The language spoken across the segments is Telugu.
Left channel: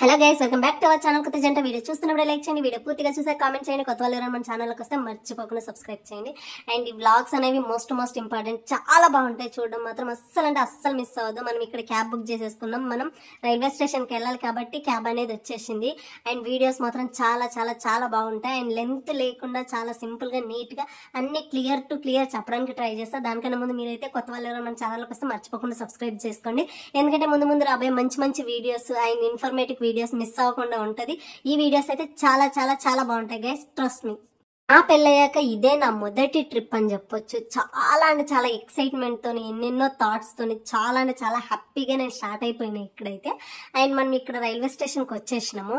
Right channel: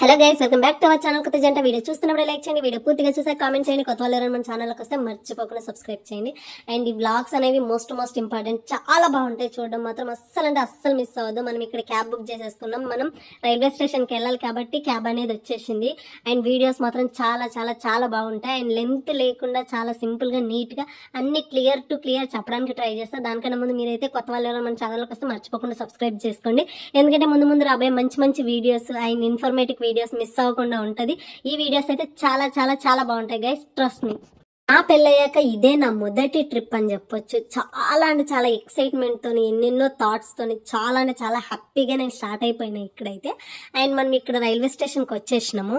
Hello guys, welcome back to our channel. కొత్త జంట వీడియో చూస్తున్నప్పుడు లైక్ చేయండి, వీడియో పూర్తిగా చూసాక కామెంట్ చేయండి. కొత్త వాళ్ళు ఎవరైనా మన ఛానల్కి వస్తే మర్చిపోకుండా సబ్స్క్రైబ్ చేయండి. అండ్ ఈ బ్లాగ్స్ అనేవి మోస్ట్ ఇంపార్టెంట్, చాలా బాగుంటాయి. చూడడం మాత్రం అస్సలు మిస్ అవ్వదు. మనం ఇక్కడ క్యాబ్ బుక్ చేసేసుకున్నాం. మనం రైల్వే స్టేషన్కి వెళ్ళాలి కాబట్టి క్యాబ్ అనేది వచ్చేసింది. అండ్ వీడియోస్ మాత్రం చాలా బాగుంటాయి. అండ్ లెంత్ లేకుండా చాలా సింపుల్ గా నీట్ గా అన్ని క్లియర్ చెప్పడానికి ట్రై చేస్తా. దానికన్నా ముందు మీరైతే కొత్త వాళ్ళు ఎవరైనా మన ఛానల్కి వస్తే మర్చిపోకుండా సబ్స్క్రైబ్ చేసుకోండి. ఎందుకంటే ముందు రాబోయే మంచి videos and informative videos miss అవ్వకుండా ఉంటది. ఈ వీడియోస్ అయితే చాలా బాగుంటాయి గైస్, ట్రస్ట్ మీ. నా పెళ్ళయ్యాక ఇదే నా మొదటి ట్రిప్ అని చెప్పొచ్చు. చాలా ఎక్సైట్మెంట్ తోని, ఎన్నెన్నో థాట్స్ తోని, చాలా హ్యాపీగా నేను స్టార్ట్ అయిపోయినా ఇక్కడైతే. అండ్ మనం ఇక్కడ రైల్వే స్టేషన్ కి వచ్చేసినాము.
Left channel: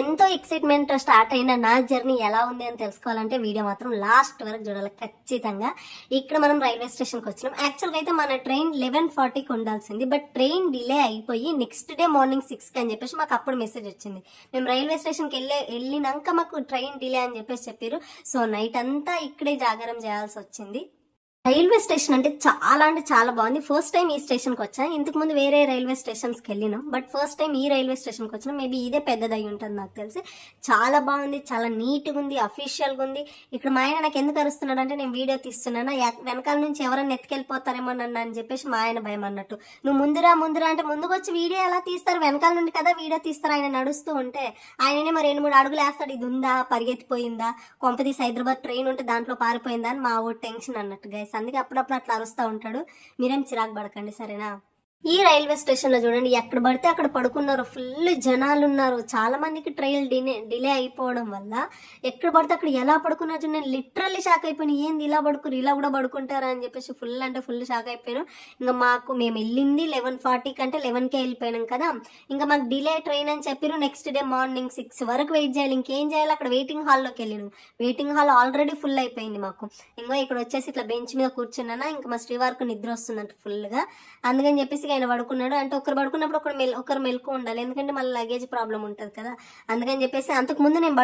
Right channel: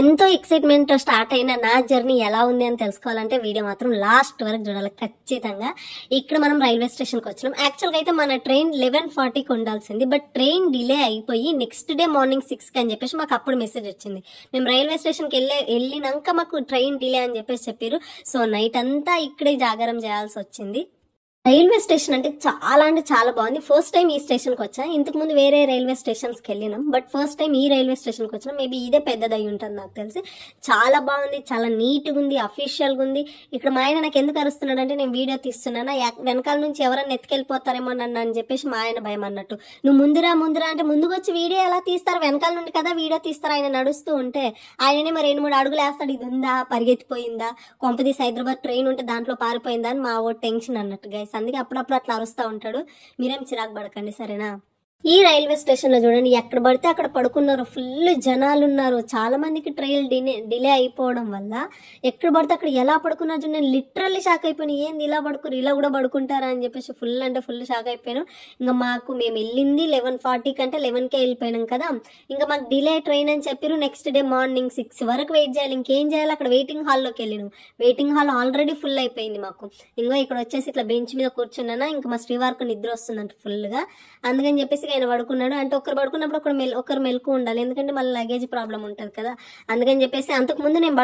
ఎంతో ఎక్సైట్మెంట్ తో స్టార్ట్ అయిన నా జర్నీ ఎలా ఉంది అని తెలుసుకోవాలంటే వీడియో మాత్రం లాస్ట్ వరకు చూడాలి ఖచ్చితంగా. ఇక్కడ మనం రైల్వే స్టేషన్ కి వచ్చినాం. యాక్చువల్గా అయితే మన ట్రైన్ 11:40కి ఉండాల్సింది, బట్ ట్రైన్ డిలే అయిపోయి నెక్స్ట్ డే మార్నింగ్ 6కి అని చెప్పేసి మాకు అప్పుడు మెసేజ్ వచ్చింది. మేము రైల్వే స్టేషన్ కి వెళ్ళినాక మాకు ట్రైన్ డిలే అని చెప్పేసి చెప్పారు. సో నైట్ అంతా ఇక్కడే జాగారం చేయాల్సి వచ్చింది. రైల్వే స్టేషన్ అంటే చాలా బాగుంది. ఫస్ట్ టైం ఈ స్టేషన్ కి వచ్చా. ఇంతకు ముందు వేరే రైల్వే స్టేషన్స్ కి వెళ్ళినాం, బట్ ఫస్ట్ టైం ఈ రైల్వే స్టేషన్ కి వచ్చినాం. మేబీ ఇదే పెద్దదై ఉంటుంది నాకు తెలిసి. చాలా బాగుంది, చాలా నీట్ గా ఉంది, అఫీషియల్ గా ఉంది. ఇక్కడ మా ఆయన నాకు ఎందుకు అరుస్తున్నాడు అంటే నేను వీడియో తీస్తున్నానా, వెనకాల నుంచి ఎవరైనా ఎత్తుకెళ్ళిపోతారేమో నన్ను అని చెప్పేసి మా ఆయన భయం అన్నట్టు. నువ్వు ముందురా అంటే ముందుకు వచ్చి వీడియో ఎలా తీస్తారు, వెనకాల నుండి కదా వీడియో తీస్తారు. ఆయన నడుస్తూ ఉంటే ఆయననే మరి 2-3 అడుగులు వేస్తాడు. ఇది ఉందా, పరిగెత్తిపోయిందా, కొంపదీసి హైదరాబాద్ ట్రైన్ ఉంటే దాంట్లో పారిపోయిందా అని మా ఓ టెన్షన్ అన్నట్టు గైస్. అందుకే అప్పుడప్పుడు అట్లా అరుస్తూ ఉంటాడు. మీరేం చిరాకు పడకండి, సరేనా. ఈ రైల్వే స్టేషన్ లో చూడండి, ఎక్కడ పడితే అక్కడ పడుకున్నారు. ఫుల్ జనాలు ఉన్నారు. చాలా మందికి ట్రైన్ డిలే అయిపోవడం వల్ల ఎక్కడ పడితే అక్కడ ఎలా పడుకున్నారు చూడండి. నేను లిటరల్లీ షాక్ అయిపోయాను. ఏంది ఇలా పడుకున్నారు, ఇలా కూడా పడుకుంటారా అని చెప్పేసి ఫుల్ షాక్ అయిపోయాను. ఇంకా మేము వెళ్ళింది 11:40 కంటే 11కే వెళ్ళిపోయినాం కదా. ఇంకా మాకు డిలే ట్రైన్ అని చెప్పారు. నెక్స్ట్ డే మార్నింగ్ 6 వరకు వెయిట్ చేయాలి. ఇంకేం చేయాలి, అక్కడ వెయిటింగ్ హాల్లోకి వెళ్ళినాం. వెయిటింగ్ హాల్ ఆల్రెడీ ఫుల్ అయిపోయింది మాకు. ఇంకా ఇక్కడ వచ్చేసి ఇట్లా బెంచ్ మీద కూర్చున్నానా, ఇంకా మా శ్రీవారికి నిద్ర వస్తుందంట ఫుల్ గా. అందుకని చెప్పేసి ఆయన పడుకున్నాడు. అంటే ఒకరు పడుకున్నప్పుడు ఒకరు మెలకు ఉండాలి, ఎందుకంటే మళ్ళీ లగేజ్ ప్రాబ్లం ఉంటుంది కదా. అందుకని చెప్పేసి అంతకు ముందు నేను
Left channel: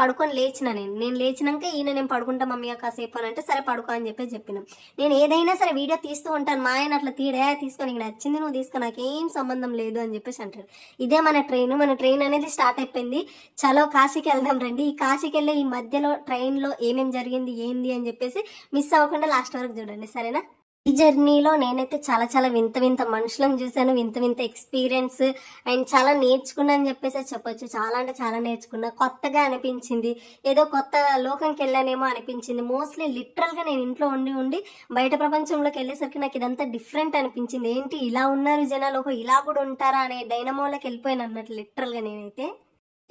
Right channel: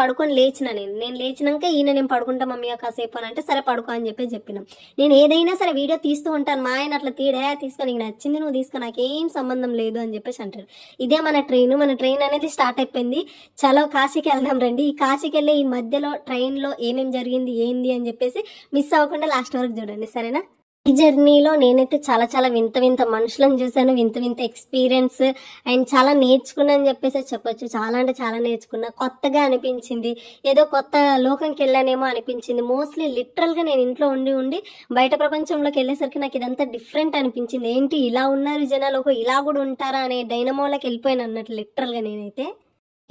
పడుకొని లేచిన. నేను లేచినాక ఈయన నేను పడుకుంటా మమ్మీ కాసేపు అని అంటే సరే పడుకో అని చెప్పినాం. నేను ఏదైనా సరే వీడియో తీస్తూ ఉంటాను. మా ఆయన అట్లా తీసుకొని నీకు నచ్చింది నువ్వు తీసుకో, నాకేం సంబంధం లేదు అని చెప్పేసి అంటారు. ఇదే మన ట్రైన్ అనేది స్టార్ట్ అయిపోయింది. చలో కాశీకి వెళ్దాం రండి. ఈ కాశీకి వెళ్ళే ఈ మధ్యలో ట్రైన్ లో ఏమేమి జరిగింది ఏంది అని చెప్పేసి మిస్ అవ్వకుండా లాస్ట్ వరకు చూడండి, సరేనా. ఈ జర్నీలో నేనైతే చాలా వింత మనుషులను చూసాను, వింత ఎక్స్పీరియన్స్ అండ్ చాలా నేర్చుకున్నా అని చెప్పేసి చెప్పొచ్చు. చాలా నేర్చుకున్నా, కొత్తగా అనిపించింది, ఏదో కొత్త లోకంకి వెళ్ళానేమో అనిపించింది. మోస్ట్లీ లిటరల్ గా నేను ఇంట్లో ఉండి బయట ప్రపంచంలోకి వెళ్ళేసరికి నాకు ఇదంతా డిఫరెంట్ అనిపించింది. ఏంటి ఇలా ఉన్నారు జనాలు, ఇలా కూడా ఉంటారా అనే డైనమోలోకి వెళ్ళిపోయాను అన్నట్టు లిటరల్ గా నేనైతే.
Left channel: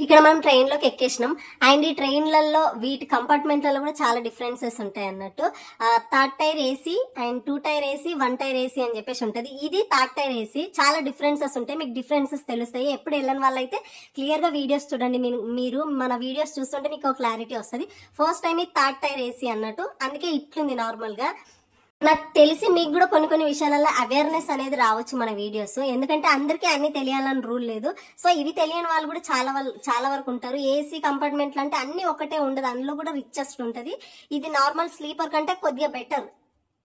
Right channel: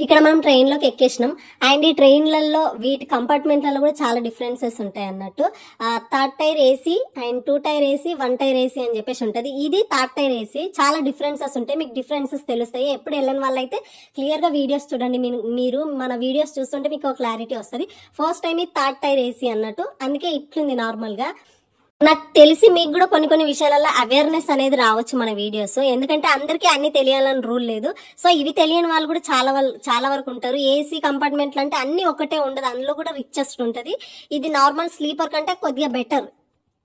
ఇక్కడ మనం ట్రైన్ లోకి ఎక్కేసినాం. అండ్ ఈ ట్రైన్లలో వీటి కంపార్ట్మెంట్లలో కూడా చాలా డిఫరెన్సెస్ ఉంటాయి అన్నట్టు. 3rd tier AC and 2 tier AC 1 tier AC అని చెప్పేసి ఉంటది. ఇది 3rd టైర్ ఏసీ. చాలా డిఫరెన్సెస్ ఉంటాయి, మీకు డిఫరెన్సెస్ తెలుస్తాయి. ఎప్పుడు వెళ్ళని వాళ్ళైతే క్లియర్ గా వీడియోస్ చూడండి. మీరు మన వీడియోస్ చూస్తుంటే మీకు ఒక క్లారిటీ వస్తుంది. ఫస్ట్ టైం ఈ 3rd టైర్ ఏసీ అన్నట్టు, అందుకే ఇట్లుంది నార్మల్ గా. నాకు తెలిసి మీకు కూడా కొన్ని విషయాలలో అవేర్నెస్ అనేది రావచ్చు మన వీడియోస్, ఎందుకంటే అందరికీ అన్ని తెలియాలని రూల్ లేదు. సో ఇవి తెలియని వాళ్ళు కూడా చాలా వరకు ఉంటారు. ఏసీ కంపార్ట్మెంట్లు అంటే అన్ని ఒకటే ఉండదు, అందులో కూడా రిచెస్ట్ ఉంటది. ఇది నార్మల్ స్లీపర్ కంటే కొద్దిగా బెటర్.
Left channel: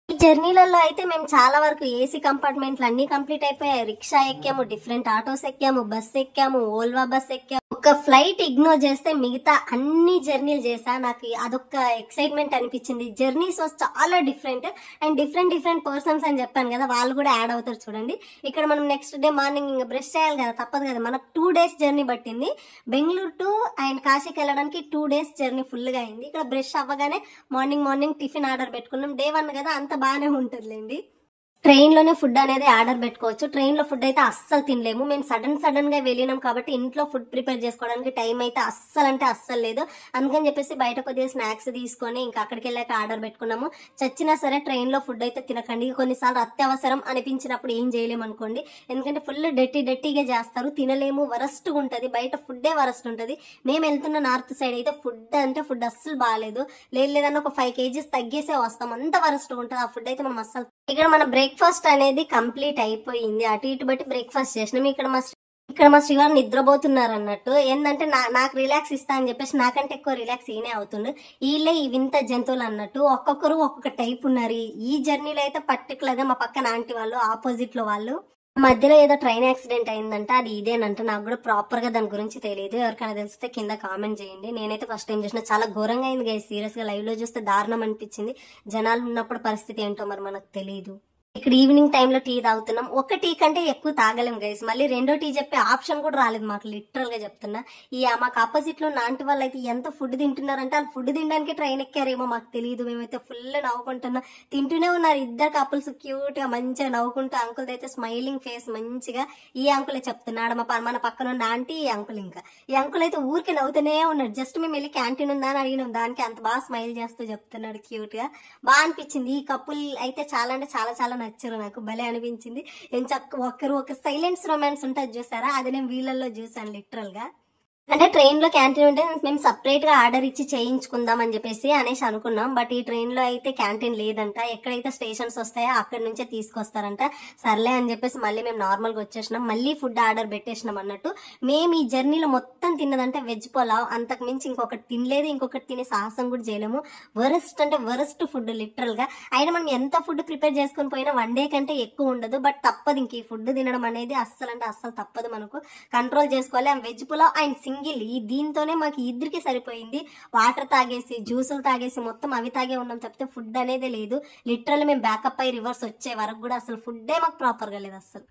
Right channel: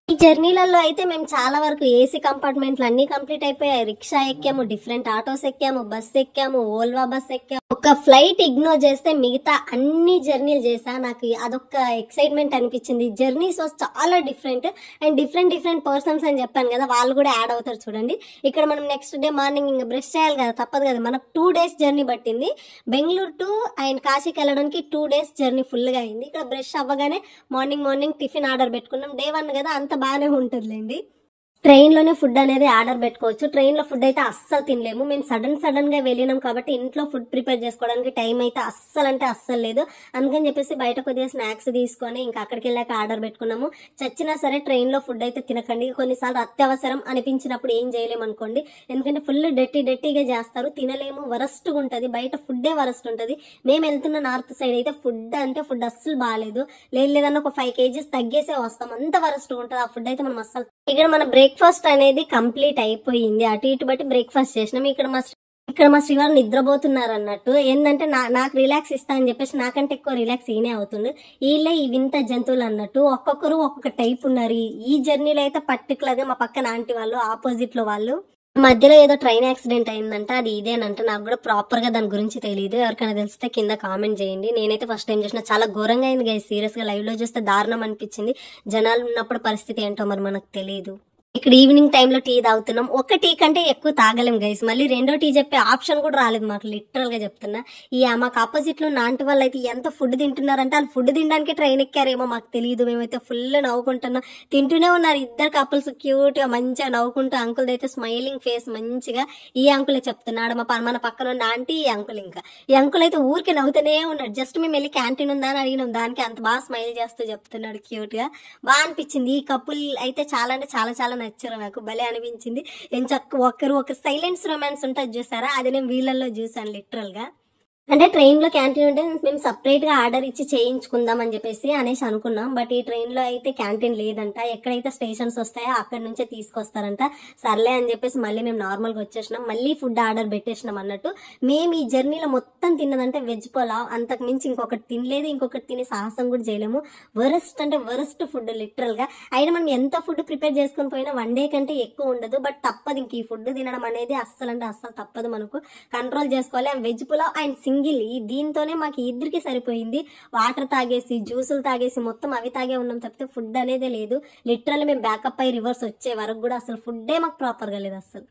ఈ జర్నీలలో అయితే మేము చాలా వరకు ఏసీ కంపార్ట్మెంట్లు అన్ని కంప్లీట్ అయిపోయాయి. రిక్షా ఎక్కాము, డిఫరెంట్ ఆటోస్ ఎక్కాము, బస్ ఎక్కాము, ఓల్వా బస్ ఎక్కాము. ఒక ఫ్లైట్ ఇగ్నోర్ చేస్తే మిగతా అన్ని జర్నీలు చేసా. నాకు అదొక ఎక్సైట్మెంట్ అనిపించింది. జర్నీస్ చాలా డిఫరెంట్ అండ్ డిఫరెంట్ పర్సన్స్ అని చెప్పాను కదా, వాళ్ళు కూడా యాడ్ అవుతారు చూడండి. ఇక్కడ మనం నెక్స్ట్ డే మార్నింగ్ ఇంకా బ్రష్ చేయాలి కదా, తప్పదు కదా. మనకు 2 days జర్నీ పట్టింది. బెంగళూరు టు అండ్ కాశీకి వెళ్ళడానికి 2 days జర్నీ ఫుల్ గా అయింది. ఇక్కడ బ్రష్ అవ్వగానే మార్నింగ్ టిఫిన్ ఆర్డర్ పెట్టుకున్నాం. Day 1 కదా, అంత బాగానే ఉంటుందిలేండి. ట్రైన్ లోనే ఫుడ్ అనేది ఆర్డర్ పెట్టుకోవచ్చు. ట్రైన్ లో ఫుడ్ అయితే అస్సలు తినలేము. మేము సడన్ గా వెళ్ళినాం కాబట్టి ఇంట్లో ఫుడ్ ప్రిపేర్ చేసుకోవడానికి టైం అయితే అస్సలు లేదు. అందుకని చెప్పేసి బయట కొద్దిగా స్నాక్స్ తీసుకొని ఇంకా అక్కడికి వెళ్ళాక ఆర్డర్ పెట్టుకున్నాము. చచ్చినా సరే ట్రైన్ లో ఫుడ్ అయితే తినకండి. కొన్నిసార్లు అత్యవసరం అనిపించినప్పుడు ఏం చేయలేము అనుకోండి, ఎందుకంటే ఫుల్ డర్టీగా చేస్తారు, తినలేము, వరస్ట్ ఉంటది. బయట ఫుడ్డే వరస్ట్ ఉంటది. మేము వెళ్తున్న నార్త్ సైడ్ అయితే ఫుడ్ అస్సలు బాగాలేదు. లేదన్నా ఒక 5 kgs తగ్గేసే వస్తాం, అంత వరస్ట్ ఉంటుంది ఆ ఫుడ్ అయితే. మనం అస్సలు ఇక్కడ మన బ్రేక్ఫాస్ట్ అనేది కంప్లీట్ అయిపోయింది. అటు ఇటు బట్టి బ్రేక్ఫాస్ట్ చేసినాం. ఇక్కడ మా శ్రీవారు నిద్రపోతున్నారు అన్నట్టు. ఏంటంటే నాకు రిలాక్స్ ఇస్తా అని చెప్పేసి నాకంటే ఎక్కువ రిలాక్స్ ఈయనే అవుతుండు. వీళ్ళే ఈ వింత జంతువులు అన్నట్టు, ఒక్కొక్కరు ఒక్కొక్క టైప్ ఉన్నారు. ఈ జర్నీలో అయితే పర్టికులర్ గా మా పక్కన ఆంటీ వాళ్ళు, ఆపోజిట్ లో వాళ్ళు మధ్యలో ఏదో ట్రైన్ యాక్సిడెంట్ అయిందంట, అది ఇదేనంట. నాకు కూడా ప్రాపర్ గా దాని గురించి తెలియదు. ఎవరికైనా తెలిస్తే కింద కామెంట్ చేయండి. నేనైతే ఫస్ట్ టైం చూసిన, చాలా ఘోరంగా అయింది గైస్. సీరియస్ గా లైవ్ లో చూస్తే దారుణం అనిపించింది. జనాలు ఉన్నప్పుడు పరిస్థితి ఏంటో మరి మనకు తెలియదు. ఇక్కడ ఈవినింగ్ టైంలో టీ తాగుతున్నాం. ఒక టీ కంటే ఎక్కువ తాగలేం గైస్. మళ్ళీ రెండో టీ చెప్పే ఆప్షన్ కూడా రాలేదు మాకు, లిటరల్ గా చెప్తున్నా. మాకు ఆపోజిట్ లో నాంటి వాళ్ళు అయితే ఎంత ఫుడ్ తింటున్నారంటే, వాళ్ళు ఫుడ్ తినడానికి ట్రైన్ ఎక్కారేమో మాకు తెలియదు. మేమైతే ఫుల్ నవ్వుకుంటున్నాం, తింటూనే ఉన్నారు. ఇద్దరు కపుల్స్ క్యూట్ గా మంచిగా నవ్వుకుంటూ. అంకుల్ అయితే స్మైలింగ్ ఫేస్ మంచిగా. ఈ అంకులే చెప్తున్నాడు, మన పక్కన ఉన్న ఆంటీ ఈ అంకుల్. ఇంకా ఈ అంకుల్ అయితే ఊరికి నవ్వుతూనే ఉన్నాడు. జస్ట్ మేము వెళ్ళి క్యాంటీన్ ఉందా అని అడిగినాం, దానికి అంత బాగా స్మైల్ చేస్తూ చెప్తున్నాడు క్యూట్ గా. బాగా అనిపించింది. ఈ కపుల్ అయితే చాలా అంటే చాలా చాలా నచ్చారు నాకు, భలే అనిపించింది. ఒకరు సైలెన్స్ రొమాన్స్ ఉంటుంది చూసారా, అది నేను వీళ్ళల్లో చూసాను లిటరల్ గా. అంటే ట్రైన్ లో క్యాంటీన్ ఉంటే మేము సపరేట్ గా ఆర్డర్ ఇచ్చి చేయించుకుందాం అని చెప్పేసి అనేసి అనుకున్నాం. బట్ ఈ ట్రైన్ లో అయితే క్యాంటీన్ లేదంట. ఎక్కడైతే స్టేషన్స్ వస్తాయో అక్కడ నుంచే తీసుకొస్తారంట. సర్లే అని చెప్పేసి మళ్ళీ మేము నార్మల్ గా వచ్చేసినాం. మళ్ళీ ఫుడ్ ఆర్డర్ పెట్టేసినాం అన్నట్టు. మేము ఈ జర్నీలో మొత్తం తిన్నదంటే వెజ్ పులావ్. అంతకు మించి ఇంకొకటి తినలేదు, ఇంకొకటి తినే సాహసం కూడా చేయలేము. వరస్ట్ అంటే వరస్ట్ ఫుడ్ లిటరల్ గా. అయినా మనం ఎంత ఫుడ్ ప్రిపేర్ చేసుకుని పోయినా 1 డే కంటే ఎక్కువ ఉండదు. బట్ తప్పదు, ఇంక ఈ ఫుడ్ తినడం అనేది అస్సలు అంటే అస్సలు తప్పదు. మనకు కంట్రోల్ చేసుకోవాలి. వెజ్ పులావ్ అండ్ సింగిల్ దీంతోనే మాకు ఇద్దరికి సరిపోయింది. వాటర్ తాగేసి, జ్యూసులు తాగేసి మొత్తం అవి తాగే ఉన్నాం తప్పితే ఫుడ్ అనేది లేదు. లిటరల్ మేము బ్యాకప్ అయ్యి రివర్స్ వచ్చే వరకు కూడా అసలు ఫుడ్డే మాకు ప్రాపర్ గా లేదు. అసలు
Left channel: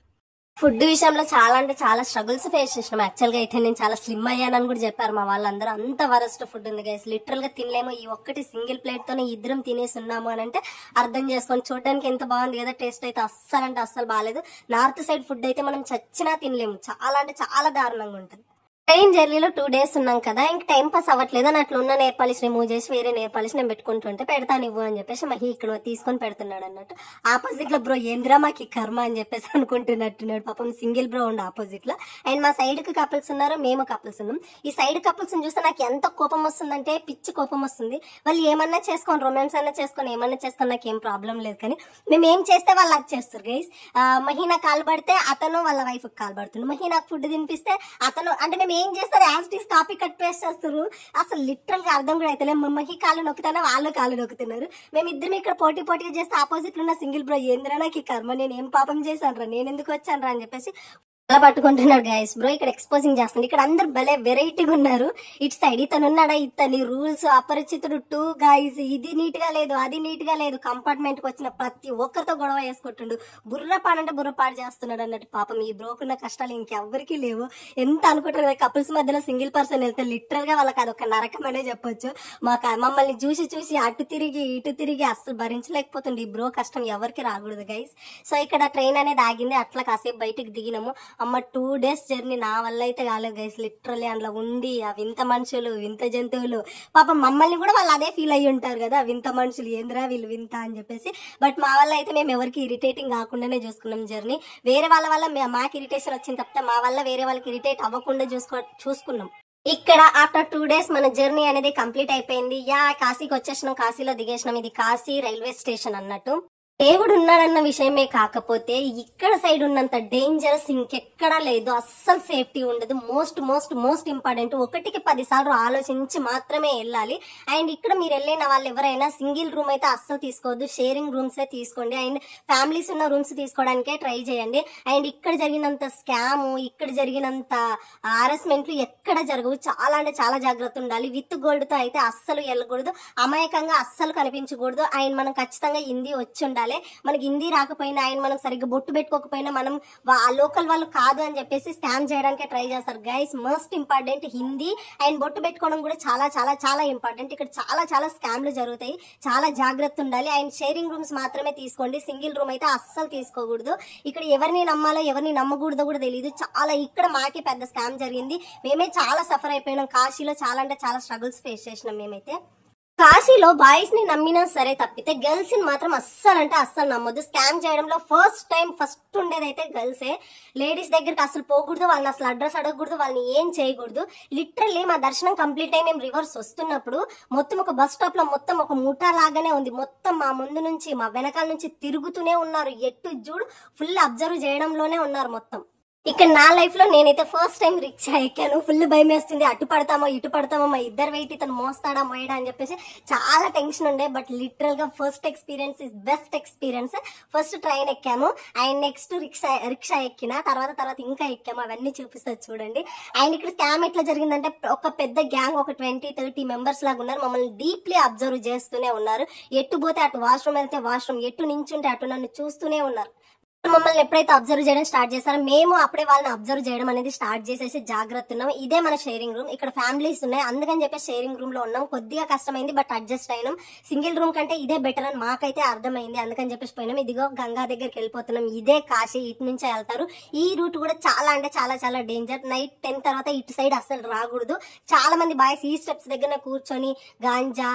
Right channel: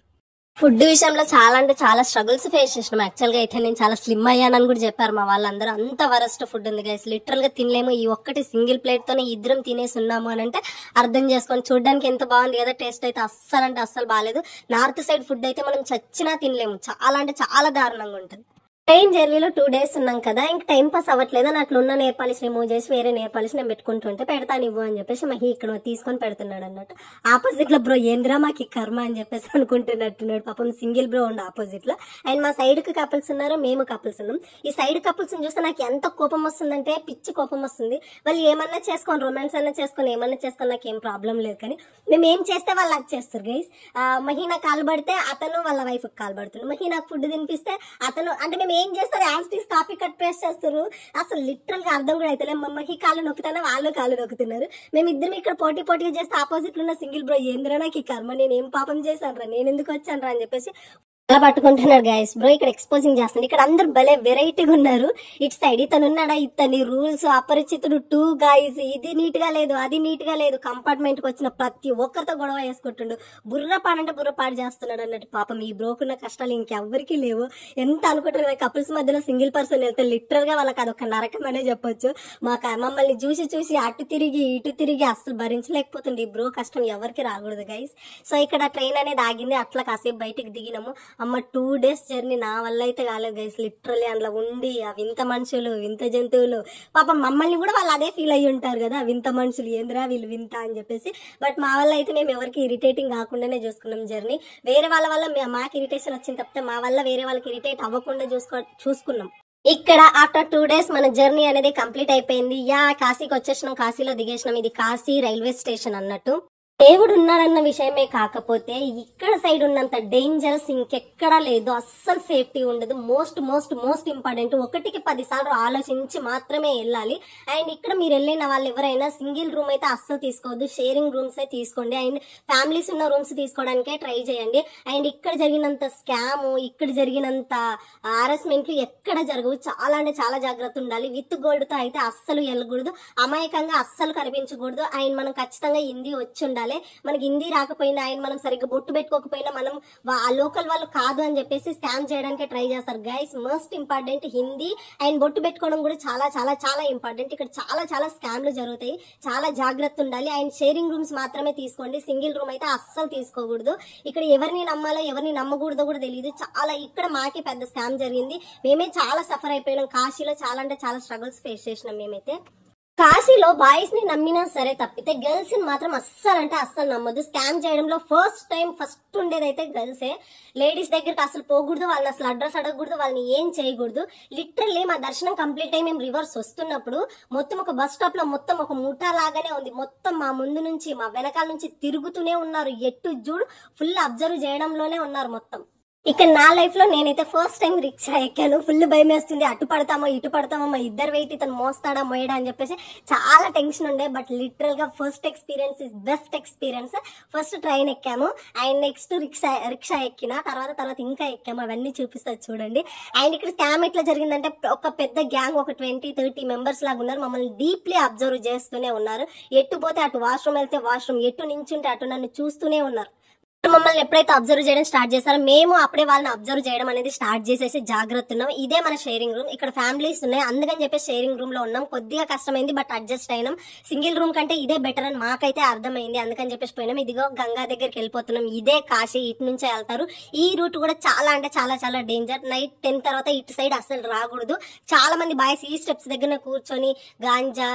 ఫుడ్ విషయంలో చాలా అంటే చాలా స్ట్రగుల్స్ ఫేస్ చేసినాం. యాక్చువల్ గా అయితే నేను చాలా స్లిమ్ అయ్యానని కూడా చెప్పారు మా వాళ్ళందరూ. అంత వరస్ట్ ఫుడ్ ఉంది గైస్. లిటరల్ గా తినలేము. ఈ ఒక్కటి సింగిల్ ప్లేట్ తోనే ఇద్దరం తినేసి ఉన్నాము అని అంటే అర్థం చేసుకొని. చూడడానికి ఎంత బాగుంది కదా, టేస్ట్ అయితే అస్సలు అంటే అస్సలు బాగాలేదు. నార్త్ సైడ్ ఫుడ్ అయితే మనం చచ్చినా తినలేము. చాలా అంటే చాలా దారుణంగా ఉంటుంది. ట్రైన్ జర్నీలో 2 days ఉన్నాం కదా, ఇంక టైం పాస్ అవ్వట్లేదు అని అట్లా ఉన్న నేర్ పాలిష్ రిమూవ్ చేసి వేరే నేర్ పాలిష్ నేను పెట్టుకుంటుంటే, పెడతాను ఇవ్వు అని చెప్పేసి మహి ఇక్కడ తీసుకొని పెడుతున్నాడు అన్నట్టు. ఆపోజిట్ లో బ్రో ఏంద్రా మాకు ఈ కర్మ అని చెప్పేసి అనుకుంటున్నట్టున్నాడు పాపం. సింగిల్ బ్రో ఉండి ఆపోజిట్ లో. అండ్ మా సైడ్ కి కపుల్స్ ఉన్నారు, మేము కపుల్స్ ఉన్నాం. ఈ సైడ్ కపుల్స్ చూస్తే నాకు ఎంత కోపం వస్తుందంటే పిచ్చి కోపం వస్తుంది. వాళ్ళు ఏమన్నా చేసుకొని, రొమాన్స్ అన్నా చేసుకొని, ఏమన్నా చేసుకొని నాకు ఏం ప్రాబ్లం లేదు. కానీ మేము ఏం చేస్తే వాళ్ళు అది చేస్తారు గైస్. మహి నాకు కాలు పడితే అతను వాళ్ళ వైఫ్ కాలు పడుతుంది. మహి నాకు ఫుడ్ తినిపిస్తే అతను, అంటే మేము ఏం చేస్తారు యాస్టీస్ కాపీ కట్ పేస్ట్ చేస్తారు. అసలు లిటరల్ గా అర్థం కూడా అయితే మమ్మకి కాలు నొక్కుతారా, వాళ్ళు కాలు నొక్కుతున్నారు. మేము ఇద్దరం ఇక్కడ పోటీ చేస్తే ఆపోజిట్ లో ఉన్న సింగిల్ బ్రో ఏంద్రా నాకు ఈ కర్మ, నేను ఏం పాపం చేశాను రా, నేను ఎందుకు వచ్చాను రా అని చెప్పేసి అలా పట్టుకుంటున్నాడు గైస్. బ్రో ఇక్కడ ఎక్స్పోజింగ్ చేస్తుంది. ఇక్కడ అందరు భలే వెరైటీగా ఉన్నారు. ఇటు సైడ్ ఇతను ఉన్నాడా, ఇతని రూల్స్ అపరిచితుడు 2 guys. ఇది నీట్ గా లేదు, అది నీట్ గా లేదు. కంపార్ట్మెంట్ కి వచ్చిన ప్రతి ఒక్కరితో గొడవ వేసుకుంటుండు. బుర్రపాడంటే బుర్రపాడు చేస్తున్నాడు అన్నట్టు. పాపం ఈ బ్రోకున్న కష్టాలు ఇంకెవ్వరికి లేవు. ఎంత అనుకుంటారు కపుల్స్ మధ్యలో సింగిల్ పర్సన్ వెళ్తే లిటరల్ గా వాళ్ళకి అదొక నరకం అనే చెప్పొచ్చు. మమ్మల్ని చూసి అటు తిరిగి ఇటు తిరిగి అస్సలు భరించలేకపోతుంది. ఈ బ్రో కష్టం ఎవరికి రాకూడదు గైస్. సో ఇక్కడ ట్రైన్ అనేది ఆగింది. అట్లా కాసేపు బయటకు దిగినాము. అమ్మ 2 days జర్నీ నా వల్ల అయితే కాలేదు గైస్. లిటరలీ అందులో ఉండి ఆ వింత మనుషులు, వింత జంతువులు, పాపం మమ్మల్ని కూడా వాళ్ళు అదే ఫీల్ అయ్యి ఉంటారు కదా, వింత మనుషులు ఏంద్రా వీళ్ళు వింత అని చెప్పేసి. బట్ మా వల్ల అయితే మేము ఎవరికి ఇరిటేటింగ్ కాకుండానే చూసుకున్నాం జర్నీ. వేరే వాళ్ళ వల్ల మాకు ఇరిటేషన్ వచ్చింది తప్పితే మా వల్ల వేరే వాళ్ళకి ఇరిటేట్ అవ్వకుండా చూసుకున్నాం. ఇక్కడ ఆఫ్టర్ 2 days మన జర్నీ అనేది కంప్లీట్ అయిపోయింది. కాశీకి వచ్చేసినాం, కాశీలో దిగేసినాం. ఇది కాశీ రైల్వే స్టేషన్ అన్నట్టు. దేవుడు ఉన్నాడన్న విషయమే కాకపోతే ఇక్కడ సైడ్ ఉన్నంత డేంజరస్ ఇంకెక్కడా లేదు. అస్సలు సేఫ్టీ ఉండదు. మోస్ట్ ఇంపార్టెంట్, 1కి 10 సార్లు ఆలోచించి మాత్రమే వెళ్ళాలి. అండ్ ఇక్కడ మీరు వెళ్ళిన వాళ్ళు ఎవరైనా సింగిల్ రూమ్ అయితే అస్సలు తీసుకోవద్దు, షేరింగ్ రూమ్స్ తీసుకోండి. అండ్ ఫ్యామిలీస్ ఉన్న రూమ్స్ తీసుకోవడానికే ట్రై చేయండి. అండ్ ఇక్కడ జరిగినంత స్కామ్, ఇక్కడ జరిగినంత హారాస్మెంట్లు ఎక్కడ జరగవు. చాలా అంటే చాలా జాగ్రత్త ఉండాలి. విత్ గోల్డ్ తో అయితే అస్సలు వెళ్ళకూడదు. అమాయకంగా అస్సలు కనిపించకూడదు. అండ్ మనం ఖచ్చితంగా హిందీ వచ్చి ఉండాలి. మనకి హిందీ రాకపోయినా, ఆయన మనం సరిగ్గా బొట్టు పెట్టుకోకపోయినా మనం లోకల్ వాళ్ళు కాదు అని చెప్పేసి స్కామ్ చేయడానికి ట్రై చేస్తారు guys. Most important Hindi and బొట్టు పెట్టుకోవడం కూడా చాలా చాలా చాలా ఇంపార్టెంట్. ఇక్కడ చాలా చాలా స్కామ్లు జరుగుతాయి. చాలా జాగ్రత్త ఉండాలి. అండ్ షేరింగ్ రూమ్స్ మాత్రమే తీసుకోండి. సింగిల్ రూమ్ అయితే అస్సలు తీసుకోకూడదు. ఇక్కడ ఎవరిని నమ్మాలో ఎవరిని నమ్మకూడదో కూడా తెలియదు. చాలా ఇక్కడ మాకే పెద్ద స్కామ్ జరిగింది. మేమే చాలా సఫర్ అయిపోయినాం. కాశీలో చాలా అంటే చాలా స్ట్రగుల్స్ ఫేస్ చేసినాం మేమైతే. కాశీలో బాయ్స్ ని నమ్మినా సరే తప్పితే గర్ల్స్ ని మాత్రం అస్సలు అంటే అస్సలు నమ్మొద్దు. స్కామ్ చేయడంలో ఫస్ట్ ఉండేదైతే గర్ల్సే. లేడీస్ దగ్గరికి అసలు పోకూడదు, వాళ్ళని అసలు అడ్రస్ అడగకూడదు, వాళ్ళని ఏం చేయకూడదు. లిటరల్లీ మా దర్శనం కంప్లీట్ అయి మేము రివర్స్ వస్తున్నప్పుడు మొత్తం ఒక బస్ స్టాప్ లో మొత్తం ఒక ముఠా లాగానే ఉంది. మొత్తం మా ముందు నుంచి మా వెనకాల నుంచి తిరుగుతూనే ఉన్నారు. ఎటు చూడు ఫుల్ అబ్జర్వ్ చేయడంలోనే ఉన్నారు మొత్తం. ఇక నా లైఫ్ లో నేనైతే ఫస్ట్ టైం రిక్షా ఎక్కాను. ఫుల్ భయం వేస్తుంది, అటు పడతామో ఇటు పడతామో, మా ఇద్దరు వెయిట్ ఇతను మోస్తాడా మోయడా అని చెప్పేసి చాలా టెన్షన్ ఉండే. బట్ లిటరల్ గా first experience is best experience. First train ఎక్కాము అండ్ నెక్స్ట్ రిక్షా ఎక్కిన తర్వాత ఇంకా ఎక్కాము. అవన్నీ చూపిస్తుంది చూడండి. అండ్ ఇక్కడ స్కామ్ ఎట్లా జరిగిందంటే ఒక పెద్ద గ్యాంగ్, ఒక 20-30 మెంబర్స్ లాగా ఉన్నారు. మమ్మల్ని డీప్లీ అబ్జర్వ్ చేస్తూనే ఉన్నారు. ఎటు పోతే అటు, వాష్రూమ్ వెళ్తే వాష్రూమ్, ఎటు నించుంటే అటు నన్ను చూస్తూనే ఉన్నారు. మమ్మల్ని ఎప్పుడైతే అబ్జర్వ్ చేయడం స్టార్ట్ చేస్తారో మేము అప్పుడే వాళ్ళని అబ్జర్వ్ చేయడం అనేది స్టార్ట్ చేసేసి జాగ్రత్త ఉన్నాం. ఇదే మన షేరింగ్ రూమ్. ఇక్కడ ఫ్యామిలీస్ ఉన్నాయి, అందుకని చెప్పి షేరింగ్ రూమ్ లో ఉన్నాం. కొద్దిగా కష్టమైంది బట్ అడ్జస్ట్ అయినాం. సింగిల్ రూమ్ కంటే ఇదే బెటర్ అని మాకైతే అర్థమైంది, అందుకని చెప్పేసి పోయినాం. ఇదిగో గంగా దగ్గరికి వెళ్ళిపోతున్నాం. ఇదే కాశీ, ఇటు నుంచే వెళ్తారు. ఈ రూట్ కూడా చాలా అంటే చాలా డేంజర్. నైట్ 10 తర్వాత ఇటు సైడ్ అసలు రాకూడదు. చాలా మంది బాయ్స్ ఈ స్టెప్స్ దగ్గర కూర్చొని గాంజా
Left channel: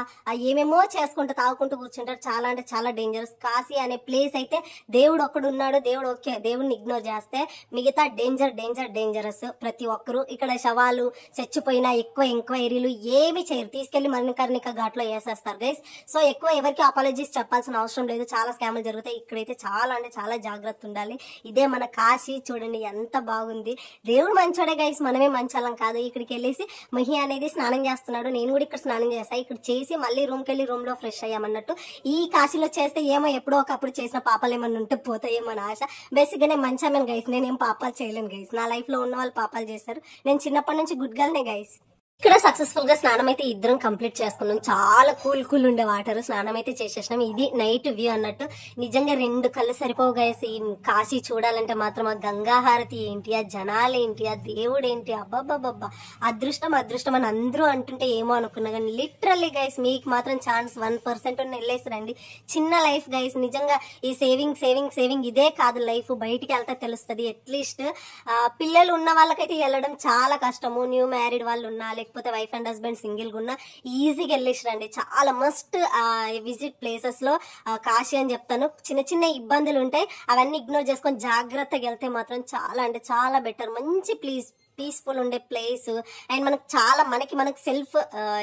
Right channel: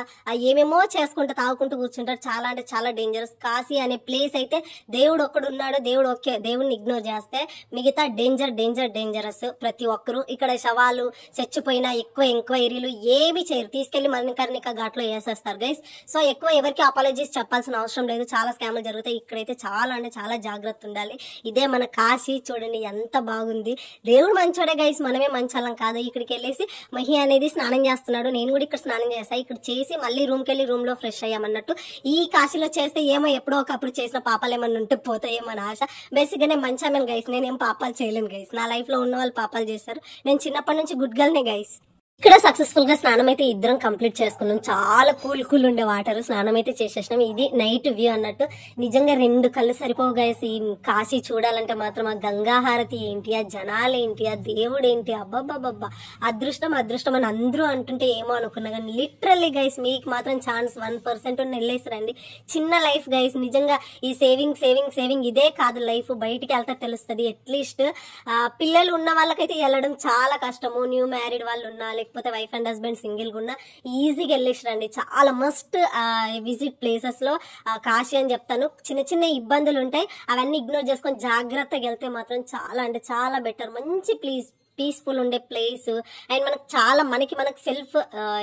ఏమేమో చేసుకుంటూ తాగుకుంటూ కూర్చుంటారు. చాలా అంటే చాలా డేంజరస్. కాశీ అనే ప్లేస్ అయితే దేవుడు ఒక్కడు ఉన్నాడు, దేవుడు ఓకే, దేవుడిని ఇగ్నోర్ చేస్తే మిగతా డేంజరస్. ప్రతి ఒక్కరు ఇక్కడ శవాలు చచ్చిపోయినా ఎక్కువ ఎంక్వైరీలు ఏమి చేయరు, తీసుకెళ్లి మరణికర్ణిక ఘాట్లో వేసేస్తారు గైస్. సో ఎక్కువ ఎవరికి అపాలజీస్ చెప్పాల్సిన అవసరం లేదు. చాలా స్కామ్లు జరుగుతాయి. ఇక్కడైతే చాలా అంటే చాలా జాగ్రత్త ఉండాలి. ఇదే మన కాశీ. చూడండి ఎంత బాగుంది. దేవుడు మంచోడే గైస్, మనమే మంచాలం కాదు. ఇక్కడికి వెళ్ళేసి మహి అనేది స్నానం చేస్తున్నాడు. నేను కూడా ఇక్కడ స్నానం చేస్తాను. ఇక్కడ చేసి మళ్ళీ రూమ్కి వెళ్ళి రూమ్ లో ఫ్రెష్ అయ్యామన్నట్టు. ఈ కాశీలో చేస్తే ఏమో ఎప్పుడో ఒకప్పుడు చేసిన పాపాలు ఏమన్నా ఉంటే పోతాయేమో అని ఆశ. బేసిక్ గా నేను మంచామని గైస్, నేనేం పాపాలు చేయలేను గైస్. నా లైఫ్ లో ఉన్న వాళ్ళు పాపాలు చేస్తారు. నేను చిన్నప్పటి నుంచి గుడ్ గర్ల్నే గైస్. ఇక్కడ సక్సెస్ఫుల్ గా స్నానం అయితే ఇద్దరం కంప్లీట్ చేసుకున్నాం. చాలా కూల్ ఉండే వాటర్. స్నానం అయితే చేసేసినాం. ఇది నైట్ వ్యూ అన్నట్టు. నిజంగా 2 కళ్ళు సరిపోవు గైస్. ఈ కాశీ చూడాలంటే మాత్రం ఆ గంగా హారతి ఏంటి, ఆ జనాలు ఏంటి, ఆ దేవుడు ఏంటి, అబ్బబ్బబ్బబ్బా అదృష్టం అని అందరూ అంటుంటే ఏమో అనుకున్నా కానీ లిటరల్లీ గైస్ మీకు మాత్రం ఛాన్స్ 1% వెళ్ళేస్తారండి. చిన్న లైఫ్ గైస్. నిజంగా ఈ సేవింగ్ ఇదే కాదు లైఫ్. బయటికి వెళ్తే తెలుస్తుంది. అట్లీస్ట్ పిల్లలు ఉన్న వాళ్ళకైతే వెళ్ళడం చాలా కష్టము. న్యూ మ్యారీడ్ వాళ్ళు ఉన్నా, లేకపోతే వైఫ్ అండ్ హస్బెండ్ సింగిల్ గా ఉన్నా ఈజీగా వెళ్ళేసిరండి. చాలా మస్ట్ విజిట్ ప్లేసెస్ లో కాశీ అని చెప్తాను. చిన్న ఇబ్బందులు ఉంటాయి, అవన్నీ ఇగ్నోర్ చేసుకొని జాగ్రత్తగా వెళ్తే మాత్రం చాలా అంటే చాలా బెటర్. మంచి పీస్ఫుల్ ఉండే ప్లేస్. అండ్ మనకు సెల్ఫ్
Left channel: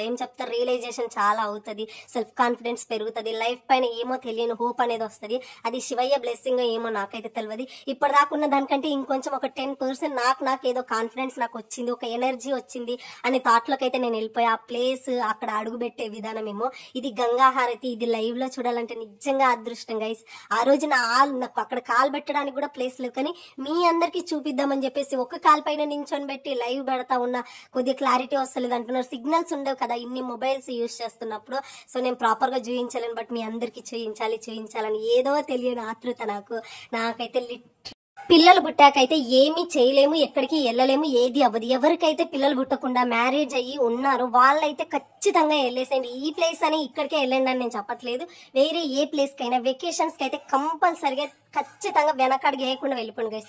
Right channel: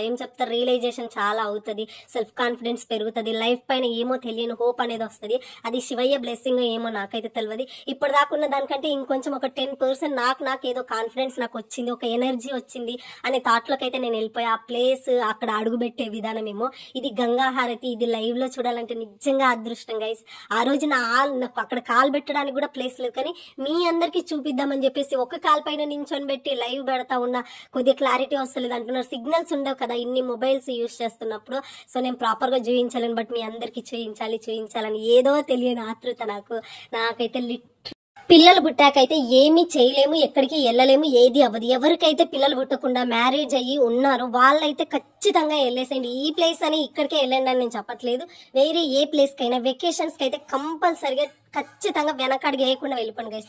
ఏం చెప్తారు, రియలైజేషన్ చాలా అవుతుంది. సెల్ఫ్ కాన్ఫిడెన్స్ పెరుగుతుంది. లైఫ్ పైన ఏమో తెలియని హోప్ అనేది వస్తుంది. అది శివయ్య బ్లెస్సింగ్ ఏమో నాకైతే తెలియదు. ఇప్పటిదాకున్న దానికంటే ఇంకొంచెం ఒక 10% నాకు ఏదో కాన్ఫిడెన్స్ నాకు వచ్చింది, ఒక ఎనర్జీ వచ్చింది అనే థాట్ లోకి అయితే నేను వెళ్ళిపోయా. ఆ ప్లేస్, అక్కడ అడుగు పెట్టే విధానం ఏమో. ఇది గంగా హారతి. ఇది లైవ్ లో చూడాలంటే నిజంగా అదృష్టం గైస్. ఆ రోజు నాకు అక్కడ కాల్ పెట్టడానికి కూడా ప్లేస్ లేదు, కానీ మీ అందరికి చూపిద్దామని చెప్పేసి ఒక కాల్ పైన నించొని పెట్టి లైవ్ పెడతా ఉన్నా. కొద్దిగా క్లారిటీ వస్తలేదు అంటున్నారు. సిగ్నల్స్ ఉండవు కదా ఇన్ని మొబైల్స్ యూజ్ చేస్తున్నప్పుడు. సో నేను ప్రాపర్ గా చూపించలేను, బట్ మీ అందరికి చూపించాలని ఏదో తెలియని ఆతృత నాకైతే. పిల్లలు పుట్టాకైతే ఏమీ చేయలేము, ఎక్కడికి వెళ్ళలేము, ఏది అవ్వదు. ఎవరికైతే పిల్లలు పుట్టకుండా మ్యారేజ్ అయ్యి ఉన్నారో వాళ్ళైతే ఖచ్చితంగా వెళ్ళేసేయండి. ఈ ప్లేస్ అని ఇక్కడికే వెళ్ళండి అని నేను చెప్పట్లేదు. వేరే ఏ ప్లేస్ కైనా వెకేషన్స్ కి అయితే కంపల్సరిగా ఖచ్చితంగా వెనకడికి వేయకుండా వెళ్ళిపోండి గైస్.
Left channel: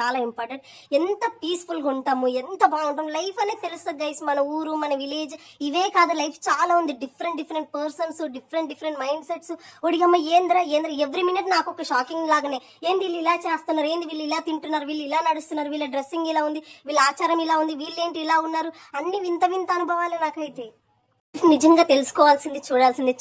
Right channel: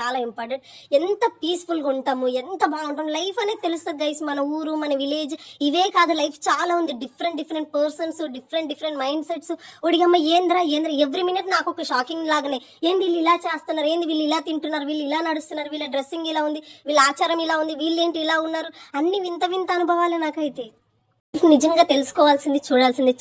చాలా ఇంపార్టెంట్. ఎంత పీస్ఫుల్ గా ఉంటాము, ఎంత బాగుంటాం లైఫ్ అనేది తెలుస్తుంది గైస్. మన ఊరు, మన విలేజ్ ఇవే కాదు, లైఫ్ చాలా ఉంది. Different persons, different mind sets. ఒడిగమ్మ ఏంద్రా ఎవ్రీ మినిట్ నాకు ఒక షాకింగ్ లాగానే. ఏంది వీళ్ళు ఇలా చేస్తున్నారు, ఏంది వీళ్ళు ఇలా తింటున్నారు, వీళ్ళు ఇలా నడుస్తున్నారు, వీళ్ళ డ్రెస్సింగ్ ఇలా ఉంది, వీళ్ళ ఆచారం ఇలా ఉంది, వీళ్ళేంటి ఇలా ఉన్నారు, అన్ని వింత అనుభవాలే నాకైతే. నిజంగా తెలుసుకోవాల్సింది, చూడాల్సింది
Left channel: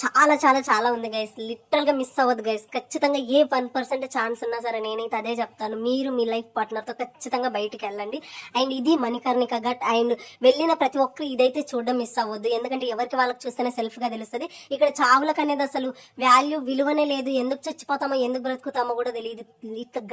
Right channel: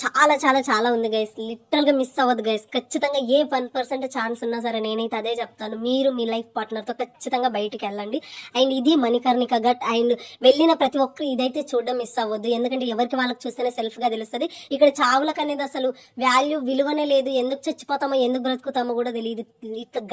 చాలా ఉంది గైస్. లిటరల్ గా మిస్ అవ్వదు గైస్. ఖచ్చితంగా ఏ 1% ఛాన్స్ ఉన్నా సరే నేనైతే అదే చెప్తాను. మీరు మీ లైఫ్ పార్ట్నర్ తో ఖచ్చితంగా బయటికి వెళ్ళండి. అండ్ ఇది మణికర్ణిక ఘట్. అండ్ వెళ్ళిన ప్రతి ఒక్కరు ఇదైతే చూడడం మిస్ అవ్వద్దు. ఎందుకంటే ఎవరికి వాళ్ళకి చూస్తేనే సెల్ఫ్ గా తెలుస్తుంది. ఇక్కడ చావులకు అనేది అసలు విలువనే లేదు. ఎందుకు చచ్చిపోతామో, ఎందుకు బ్రతుకుతామో కూడా తెలియదు.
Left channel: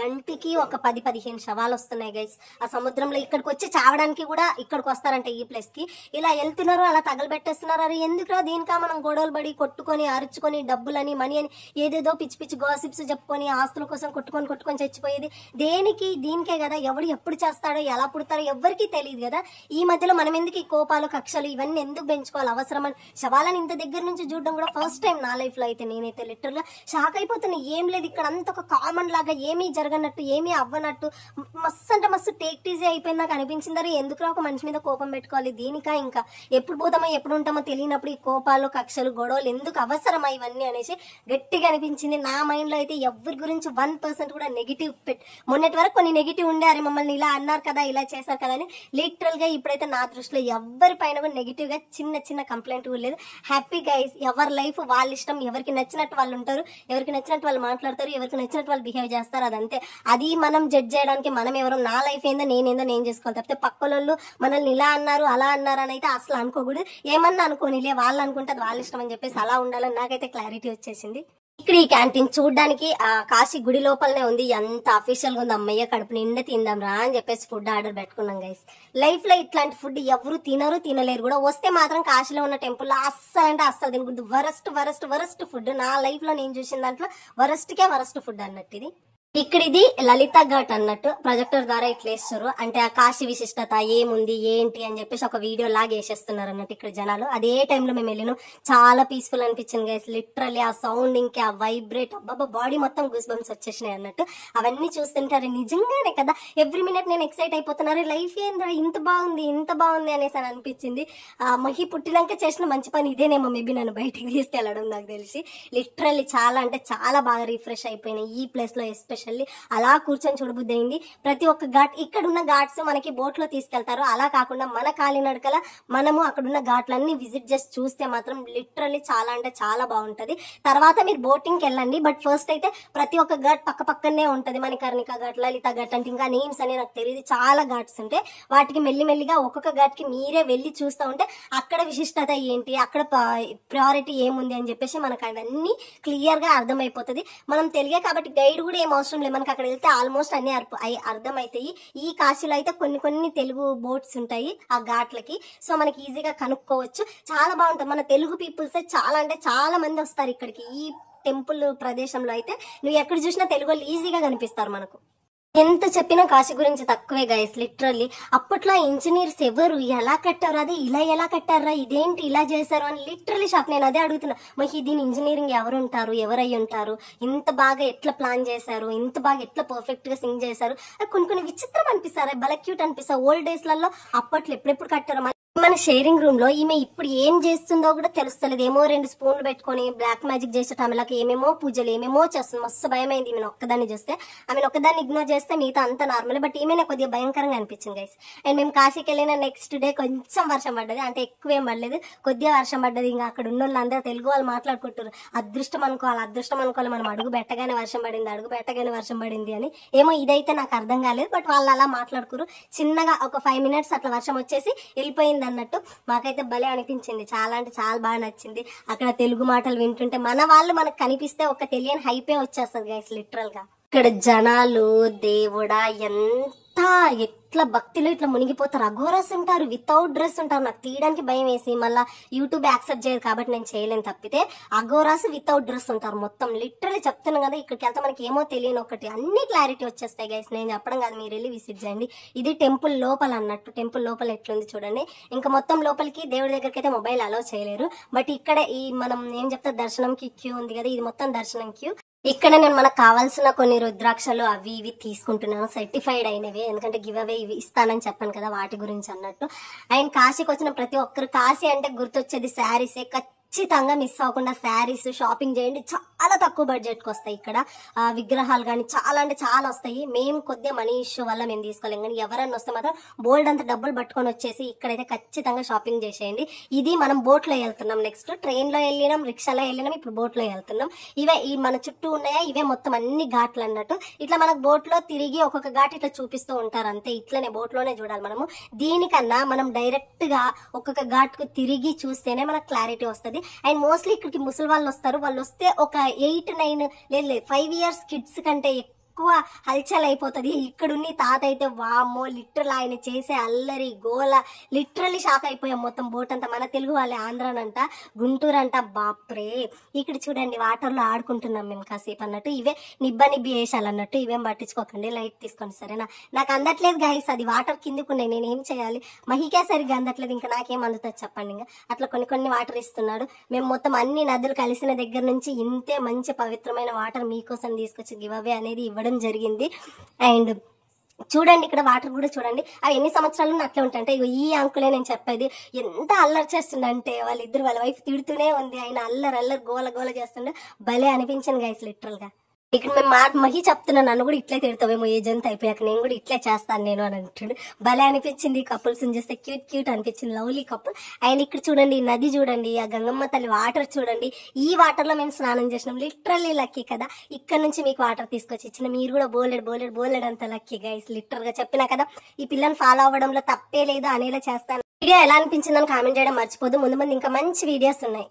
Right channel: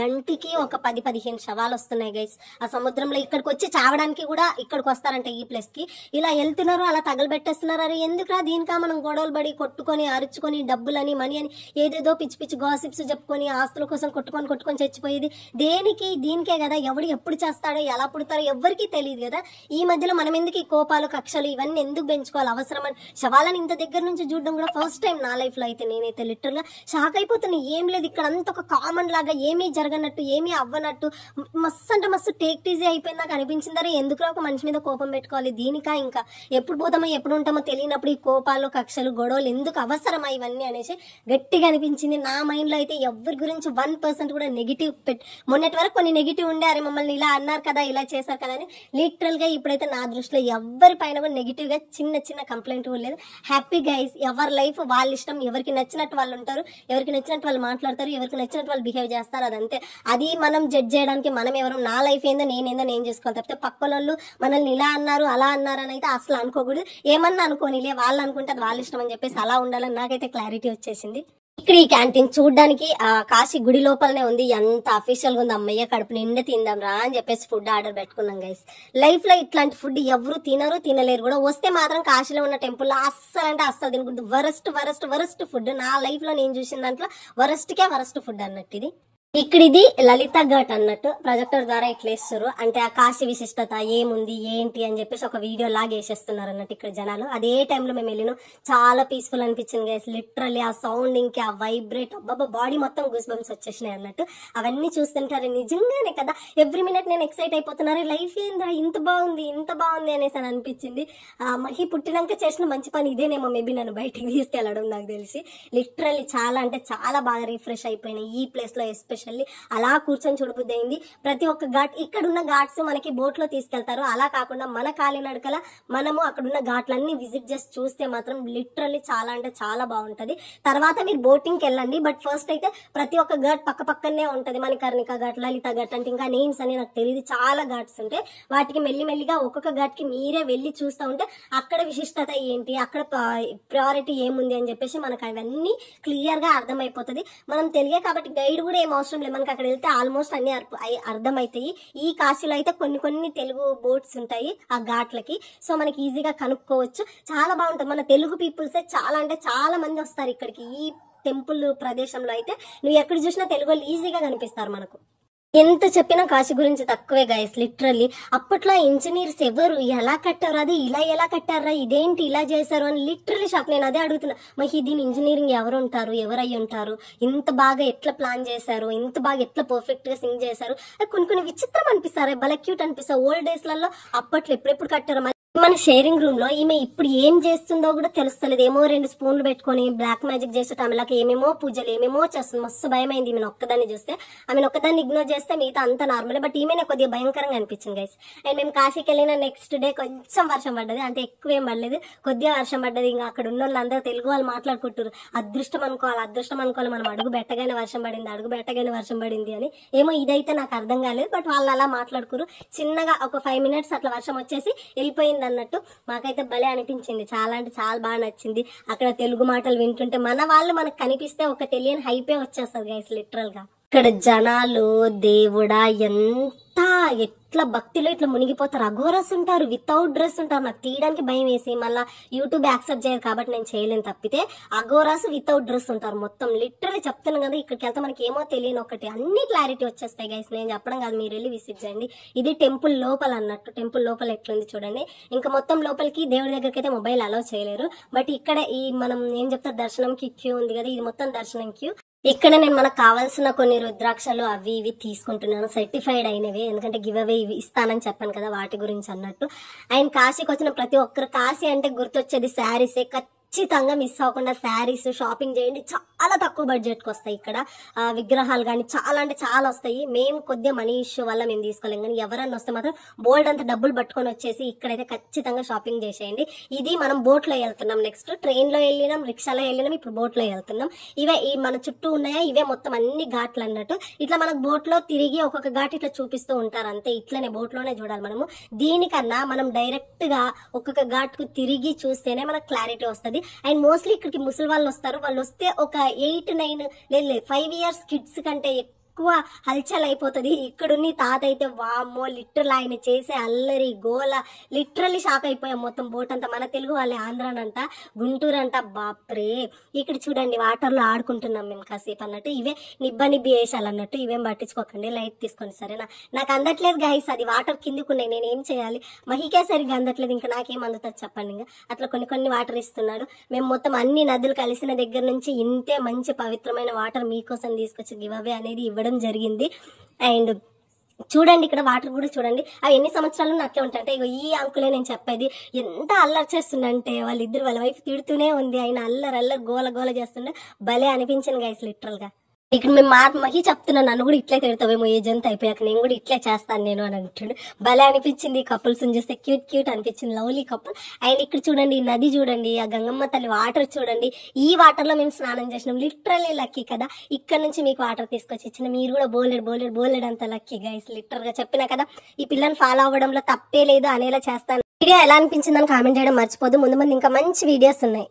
గంటికి ఒక 10-15 శవాలు వస్తున్నాయి గైస్ ఆ సముద్రంలో. ఇక్కడికి వచ్చి చావడానికి కూడా ఇక్కడికి వస్తారంట ఈ ప్లేస్ కి. ఇలా వెళ్తున్నారు, అలా తగలబెట్టేస్తున్నారు. ఎందుకురా దీనికా మనం గొడవలు పడి కొట్టుకొని అరుచుకొని డబ్బులని మనీ అని ఏదేదో పిచ్చి గాసిప్స్ చెప్పుకొని ఆస్తుల కోసం కొట్టుకొని చచ్చిపోయేది దేనికి? దీనికే కదా. ఎవడు ఎప్పుడు చేస్తాడో, ఎలా పుడతారో ఎవరికి తెలియదు కదా. ఈ మధ్యలో మనం ఎందుకు ఈ కోపాలు, కక్షలు ఇవన్నీ ఎందుకు పెంచుకోవాలి? అవసరమని శవాలను ఇంత దగ్గర నుంచి చూడడం కూడా ఫస్ట్ టైం నా లైఫ్ లో అయితే. నేనైతే లిటరల్ గా షాక్ అయిపోతున్నా. ఏం లేదు ఇక్కడ, అంత ఒక కామన్ లాగా ఏమీ జరగనట్టు, ఏమీ అవ్వనట్టు మస్తు టేక్ ఈజీ అయిపోయింది నాకు అనిపించింది. ఎందుకురా ఒక మనిషి మీద కోపం పెట్టుకోవాలి? దీనికా ఇంకా ఎప్పుడు పోతామో ఎప్పుడు ఉంటామో తెలియదు. తెలియనప్పుడు ఈ కోపాలు కక్షలు గొడవలు ఎందుకు అవసరం ఇవన్నీ అనేసి గట్టిగా అనిపించింది. నా మైండ్ లో అయితే ఎవరి గురించి 1% కూడా నెగిటివ్ మొన్నటి వరకు కొన్ని నెగిటివ్ ఉండే, అరే మమ్మల్ని ఇలా అన్నారు కదా ఇలా చేశారు కదా అని. లిటరల్ గా ఇప్పుడైతే నా దృష్టిలో ఎవరి పైన కూడా నెగిటివ్ గా చిన్న చిన్న కంప్లైంట్ కూడా లేదు. హ్యాపీ గైస్, ఎవరి లైఫ్ వాళ్ళ ఇష్టం, ఎవరికి నచ్చినట్టు వాళ్ళు ఉంటారు, ఎవరికి నచ్చినట్టు వాళ్ళు మాట్లాడతారు, ఎవరికి నచ్చినట్టు వాళ్ళు బిహేవ్ చేస్తారు. అదంతే. అది మనం జడ్జ్ చేయడానికి మనం ఎవరు, నా లైఫ్ ఏందో నేను చేసుకోవాలి తప్పితే పక్కన వాళ్ళు మనల్ని ఇలా అన్నారు అలా అన్నారు అని అయితే అసలు అనుకోకూడదు. ఏమన్నా అనుకోనిలే, వాళ్ళు అనుకుంటే అది వాళ్ళ ఇష్టం అని చెప్పేసి అలా ఉండాలని నాకైతే క్లారిటీ వచ్చేసింది. ఇక్కడ ఈ క్యాంటీన్ చూడడానికి కాశీ గుడి లోపలనే ఉంది. ఎంత అఫీషియల్ గా ఉంది. అమ్మయ్య కడుపు నిండా తిందాం రా అని చెప్పేసి ఫుడ్ ఆర్డర్ పెట్టుకున్నాం గైస్. లైఫ్ లో ఇట్లాంటి ఫుడ్ ఎవరు తినరు, తినలేరు కూడా. వస్తే మాత్రం కాశీలో ఉన్న టెంపుల్ లో అస్సలు అంటే అస్సలు తినకూడదు. వరస్ట్ ఫుడ్ నా లైఫ్ లో నేను చూసిన దాంట్లో వరస్ట్ ఫుడ్ అన్నట్టు ఇది. ఇక్కడ ఇది లలిత ఘాట్ అన్నట్టు ప్రొజెక్టర్ ద్వారా ఇట్లా వేస్తారు. అంటే ఆ కాశీ విశిష్టత ఏముంది ఏంటి అని చెప్పేసి ఒక వీడియో లాగా వేసేస్తున్నారు అన్నట్టు ఇక్కడ జనాలు. అదే టైంలో మేము వెళ్ళినాం. చాలా పీస్ఫుల్ అనిపించింది గైస్. లిటరల్లీ ఆ సౌండ్ ఇంకా ఆ వైబ్రేట్ అబ్బాబా బాడీ మొత్తం గూస్ బంప్స్ వచ్చేసినాయి అన్నట్టు. అవన్నీ చూస్తుంటారు నిజంగానే కదా, ఎవ్రీ మినిట్ నేను ఎక్సైట్ అయిపోతున్నారు. లైఫ్ ఏంద్రా ఇంత బాగుంది అనేసి అని అనిపించింది. మహి పుట్టినాక చేసిన మంచి పని ఇదేనేమో మేబీ నన్ను బయటికి తీసుకెళ్లడం నాకు తెలిసి. లిటరల్లీ చాలా అంటే చాలా బాగా రిఫ్రెష్ అయిపోయినాయి ఈ ప్లేస్ లో. ఎస్పెషల్లీ అలా కూర్చొని చూడబుద్ధి అయింది. ప్రతి ఒక్క ఘాట్, ఇక్కడ ఉన్న ఘాట్స్ మనకి బోట్ లో తీసుకెళ్తారు. అలా కాకుండా మన కాలినడకల మనము అక్కడున్న ఘాట్లన్నీ విజిట్ చేసి చూస్తే మాత్రం లిటరల్లీ చాలా అంటే చాలా బాగుంటది. తర్వాత మీరు బోటింగ్ కి వెళ్ళండి. బట్ ఫస్ట్ అయితే ప్రతి ఒక్క ఘాట్ పక్కనే ఉంటది. మణికర్ణిక ఘాట్, లలిత ఘాట్ అంటే ఇంకా నేమ్స్ అని నాకు తెలియదు. చాలా ఘాట్స్ ఉంటాయి. వాటికి మెల్లిమెల్లిగా ఒక్కొక్క ఘాట్ కి మీరే వెళ్ళి చూస్తూ ఉంటే అక్కడ విశిష్టత ఏంటి, అక్కడ ప్రయారిటీ ఏముంది అని చెప్పేసి మనకు అవన్నీ క్లియర్ గా అర్థమైపోతుంది. మనం తెలియ కాబట్టి గైడ్ కూడా ఏం అవసరం లేదు. మనకి అక్కడ వెళ్తే ఆల్మోస్ట్ అన్ని అర్థమవుతాయి. ఈ కాశీలో అయితే కొన్ని తెలుగు బోట్స్ ఉంటాయి ఆ ఘాట్లకి. సో మనకి ఈజీగా కనుక్కోవచ్చు. చాలా బాగుంటుంది. మన తెలుగు పీపుల్స్ చాలా అంటే చాలా మంది వస్తారు ఇక్కడికి. ఈ టెంపుల్ ప్రదేశంలో అయితే నువ్వు ఎక్కడ చూసినా తెలుగు వాళ్ళు ఈజీగా కనిపిస్తారు మనకు. ఎంత చెప్పినా కాశీ గురించి తక్కువే గైస్. లిటరల్లీ అప్పట్లో ఇంజనీర్స్ ఎవరు, ఎలా కట్టారు, అది ఇలా ఎలా కట్టారా, ఇదేంటి ఇలా చేశారు అని లిటరల్లీ షాక్. నేను అదే అడుగుతున్నా, మరి దీని ఇంజనీరింగ్ ఎవరు ఉంటారు, ఎవరై ఉంటారు, ఇంత బాగా ఎట్లా ప్లాన్ చేశారు, ఇంత బాగా ఎట్లా పర్ఫెక్ట్ గా సింగ్ చేశారు. కొన్ని విచిత్రం అనిపిస్తారు, భలే క్యూట్ అనిపిస్తారు. ఓల్డ్ డేస్ లలో అప్పట్లో ఎప్పుడెప్పుడు కట్టారు. మన షేరింగ్ రూమ్ లో ఈమె ఇప్పుడు ఏం చేస్తుందో కూడా తెలుస్తలేదు. ఏమో 2 స్పూన్లు పెట్టుకొని బ్లాక్ మ్యాజిక్ చేసే టైంలోకి ఏమేమో పూజలు ఏమేమో చేస్తుంది. మస్తు భయం అయింది ఈమెను ఒక్కదాన్ని చూస్తే. ఆమెను ఒక్కదాన్ని ఇగ్నోర్ చేస్తే మిగతా అంతా నార్మల్. బట్ ఈమెనే కొద్దిగా భయంకరంగా అనిపించింది గైస్. అండ్ మేము కాశీకి వెళ్ళిన నెక్స్ట్ డే కొంచెం వర్షం పడ్డది. అంటే ఎక్కువ ఏం పడలేదు, కొద్దిగా వర్షం పడ్డది. ఇంకా అక్కడ ఉన్న వాళ్ళందరూ తెలుగు వాళ్ళు మాట్లాడుకుంటారు. అదృష్టం అనుకోవాలి మనం అడుగు పెట్టగానే వర్షం పడింది అని. ఏమో ఇదైతే నాకు అర్థం కాలేదు. బట్ వాళ్ళు అలా మాట్లాడుకోరు. చిన్నగా ఒక 5 minutes అట్లా వర్షం వచ్చేసి వెళ్ళిపోయింది అన్నట్టు. మాకైతే భలే అనిపించింది. చాలా అంటే చాలా బాగా నచ్చింది. అక్కడ తెలుగు మాటలు వింటుంటే మన వాళ్ళు మనకు కనిపిస్తే ఒక తెలియని హైపే వచ్చేస్తుంది గైస్ లిటరల్ గా. ఇక్కడ జనాలు దేవుడా ఎంత ఎట్లా భక్తిలో ఇట్లా మునిగిపోతారు. అఘోరస్ ఉంటారు, వితౌట్ డ్రెస్ ఉంటారు. నాకు తీయడానికి భయం వేసి మళ్ళీ యూట్యూబ్ యాక్సెప్ట్ చేయదు కాబట్టి నేను చేయలేను. తప్పితే అఘోరాస్ వితౌట్ డ్రెస్ ఉంటారు మొత్తం. లిటరల్లీ చెప్తున్నాను కదా, ఇక్కడికి వెళ్తే మనకి ఏమో తెలియని ఒకటి అన్ని క్లారిటీ వచ్చేస్తాయి గైస్. నేను చెప్పడం కాదు, మీరు వెళ్ళి విజిట్ చేయండి. ఇది టెంపుల్ లోపల అన్నట్టు. టెంపుల్ లోపల ఎట్లుంది చూడండి. ఇంకా మొత్తం లోపలికి దేవుడి దగ్గరికి అయితే మొబైల్ అలౌ చేయలేరు. బట్ ఇక్కడ ఈ మనం ఏం చెప్తా దర్శనంకి క్యూ ఉంది కదా, ఇది మొత్తం దర్శనం క్యూ. ఇక్కడ నేను మనకు కావాల్సిన కొన్ని రుద్రాక్షలు అవి ఇవి తీసుకుంటున్నాను, సర్టిఫైడ్ అయినవి. ఎందుకంటే గివ్ అవే ఇవి ఇస్తానని చెప్పాను కదా, వాటి గురించి అన్నట్టు. అండ్ కాశీకి వచ్చిన ప్రతి ఒక్కరు కాశీ అంటే గుర్తొచ్చేది శారీసే. ఖచ్చితంగా మిస్ అవ్వకుండా శారీస్ షాపింగ్ చేయండి. చాలా తక్కువ బడ్జెట్ కి వస్తాయి ఇక్కడ. విగ్రహాలు కానీ చాలా అంటే చాలా వస్తాయి. మేము కొద్దిగా మనీ ఇష్యూ వల్ల మేము తీసుకోలేం, కానీ ఎవరన్నా వస్తే మాత్రం బోల్డ్ అంత డబ్బులు పట్టుకొని వచ్చేసి ఇక్కడైతే ఖచ్చితంగా షాపింగ్ చేసేయండి. ఇది మనం బోట్ లో వెళ్తున్నాం. నెక్స్ట్ ట్రైన్ లో వెళ్ళినాం, రిక్షాలో వెళ్ళినాం, ఇప్పుడు బోట్ లో వెళ్తున్నాం. ఇవే ఈ మన చుట్టూ ఉన్నాయా, ఇవే మొత్తం అన్ని ఘాట్లు అన్నట్టు. ఇట్లా మనకు బోట్ లో తిరిగి ఒక్కొక్క ఘాట్ ఇట్లా చూపిస్తూ ఉంటారు అంతే. ఇట్లనే బోట్ లోనే చూడాలి మనము. దీనికన్నా మనం డైరెక్ట్ గా ఒక్కొక్క ఘాట్ కు తిరిగి చూస్తేనే మనకు క్లారిటీ వస్తుంది. అండ్ మోస్ట్లీ ఇక్కడికి ముసలి వాళ్ళు వస్తారు. వాళ్ళు వస్తే ఒక 8, 9 లేదు 5 years కిడ్స్ కంటే ఎక్కువ హల్చల్ అయిపోతుంది. ఇక్కడున్న తాత అయితే వామ్మో లిటరల్ ఆయన చేసే అల్లరి గోల లిటరల్లీ షాక్ అయిపోయాం. మొత్తం బోట్ అంతా మన తెలుగు వాళ్ళే, ఆంధ్రానంట, గుంటూరు అంట. బాప్రే, ఇక్కడ చూడండి వాటర్ లో ఆడుకుంటున్నాం మేము కాసేపు అన్నట్టు. ఇవే నిబ్బి వేసాలు అన్నట్టు. ఇవేం పట్టించుకోకండి, లైట్ తీసుకోండి సరేనా. నాకు అందట్లేదు గైస్, అది వాటర్ కిందకున్నాయి, నేను ఏం చేయాలి. మహికే సరిగ్గా అందట్లేదు, ఇంకా నాకేం అందుతుంది చెప్పండి. ఇంకా అట్లా కొన్ని వాటర్ ఇస్తున్నాడు. మేము మొత్తం అన్ని నదులు కలిసిన దగ్గర నుంచి ఇంతే మంచి పవిత్రమైన వాటర్ మీకోసం తీసుకొచ్చి గివ్ అవే అనేది ఇవ్వడం జరిగింది. అండ్ చూడండి ఇక్కడ వాటర్ కూడా చూడండి, అవి ఎన్ని సంవత్సరాలు అట్లా ఉంటాయి. అంటే ఇగో ఈ అంకులే నేను చెప్పేది, ఎంత అల్లరి చేస్తుండంటే వాళ్ళిద్దరు వాళ్ళ వైఫ్ తిడుతూనే ఉంది, ఆయన అల్లరి గోల గోల చేస్తుండే, భలే అనిపించింది గైస్ లిటరల్ గా. ఇక్కడ మేము మహి చెప్తున్నాను, నన్ను కూడా ఇట్లే తిడతావేమో ఏజ్ అంతా అయిపోయాక, నేను కూడా ఇట్లే చేస్తాను నేను అని అంటాడు. భలే అనిపించింది కపుల్స్ చూస్తే, క్యూట్ క్యూట్ అనిపించింది, లవ్లీ కపుల్. అండ్ ఇక్కడ చూడండి ఈ నది చూడండి, ఆ గంగమ్మ తల్లి వాటర్ చూడండి, ఈ వాటర్ లో మేము స్నానం చేసినాం, లిటరల్లీ లక్కీ కదా. ఇక్కడ నుంచి మీకు వాటర్ తీసుకొచ్చి ఇచ్చిన, మీరు కూడా బోలెడ్ అంత లక్కీ గైస్. లిటరల్ గా చెప్పినా కదా, ఈ పిల్లని ఫాలో అవ్వడంలో తప్పే లేదు అనేలా చేస్తాను. వీడియో ఎలా అనిపించిందని కామెంట్ చేయడం మర్చిపోదు. ముందు ఇంకా మంచి వీడియోస్ ఉన్నాయి.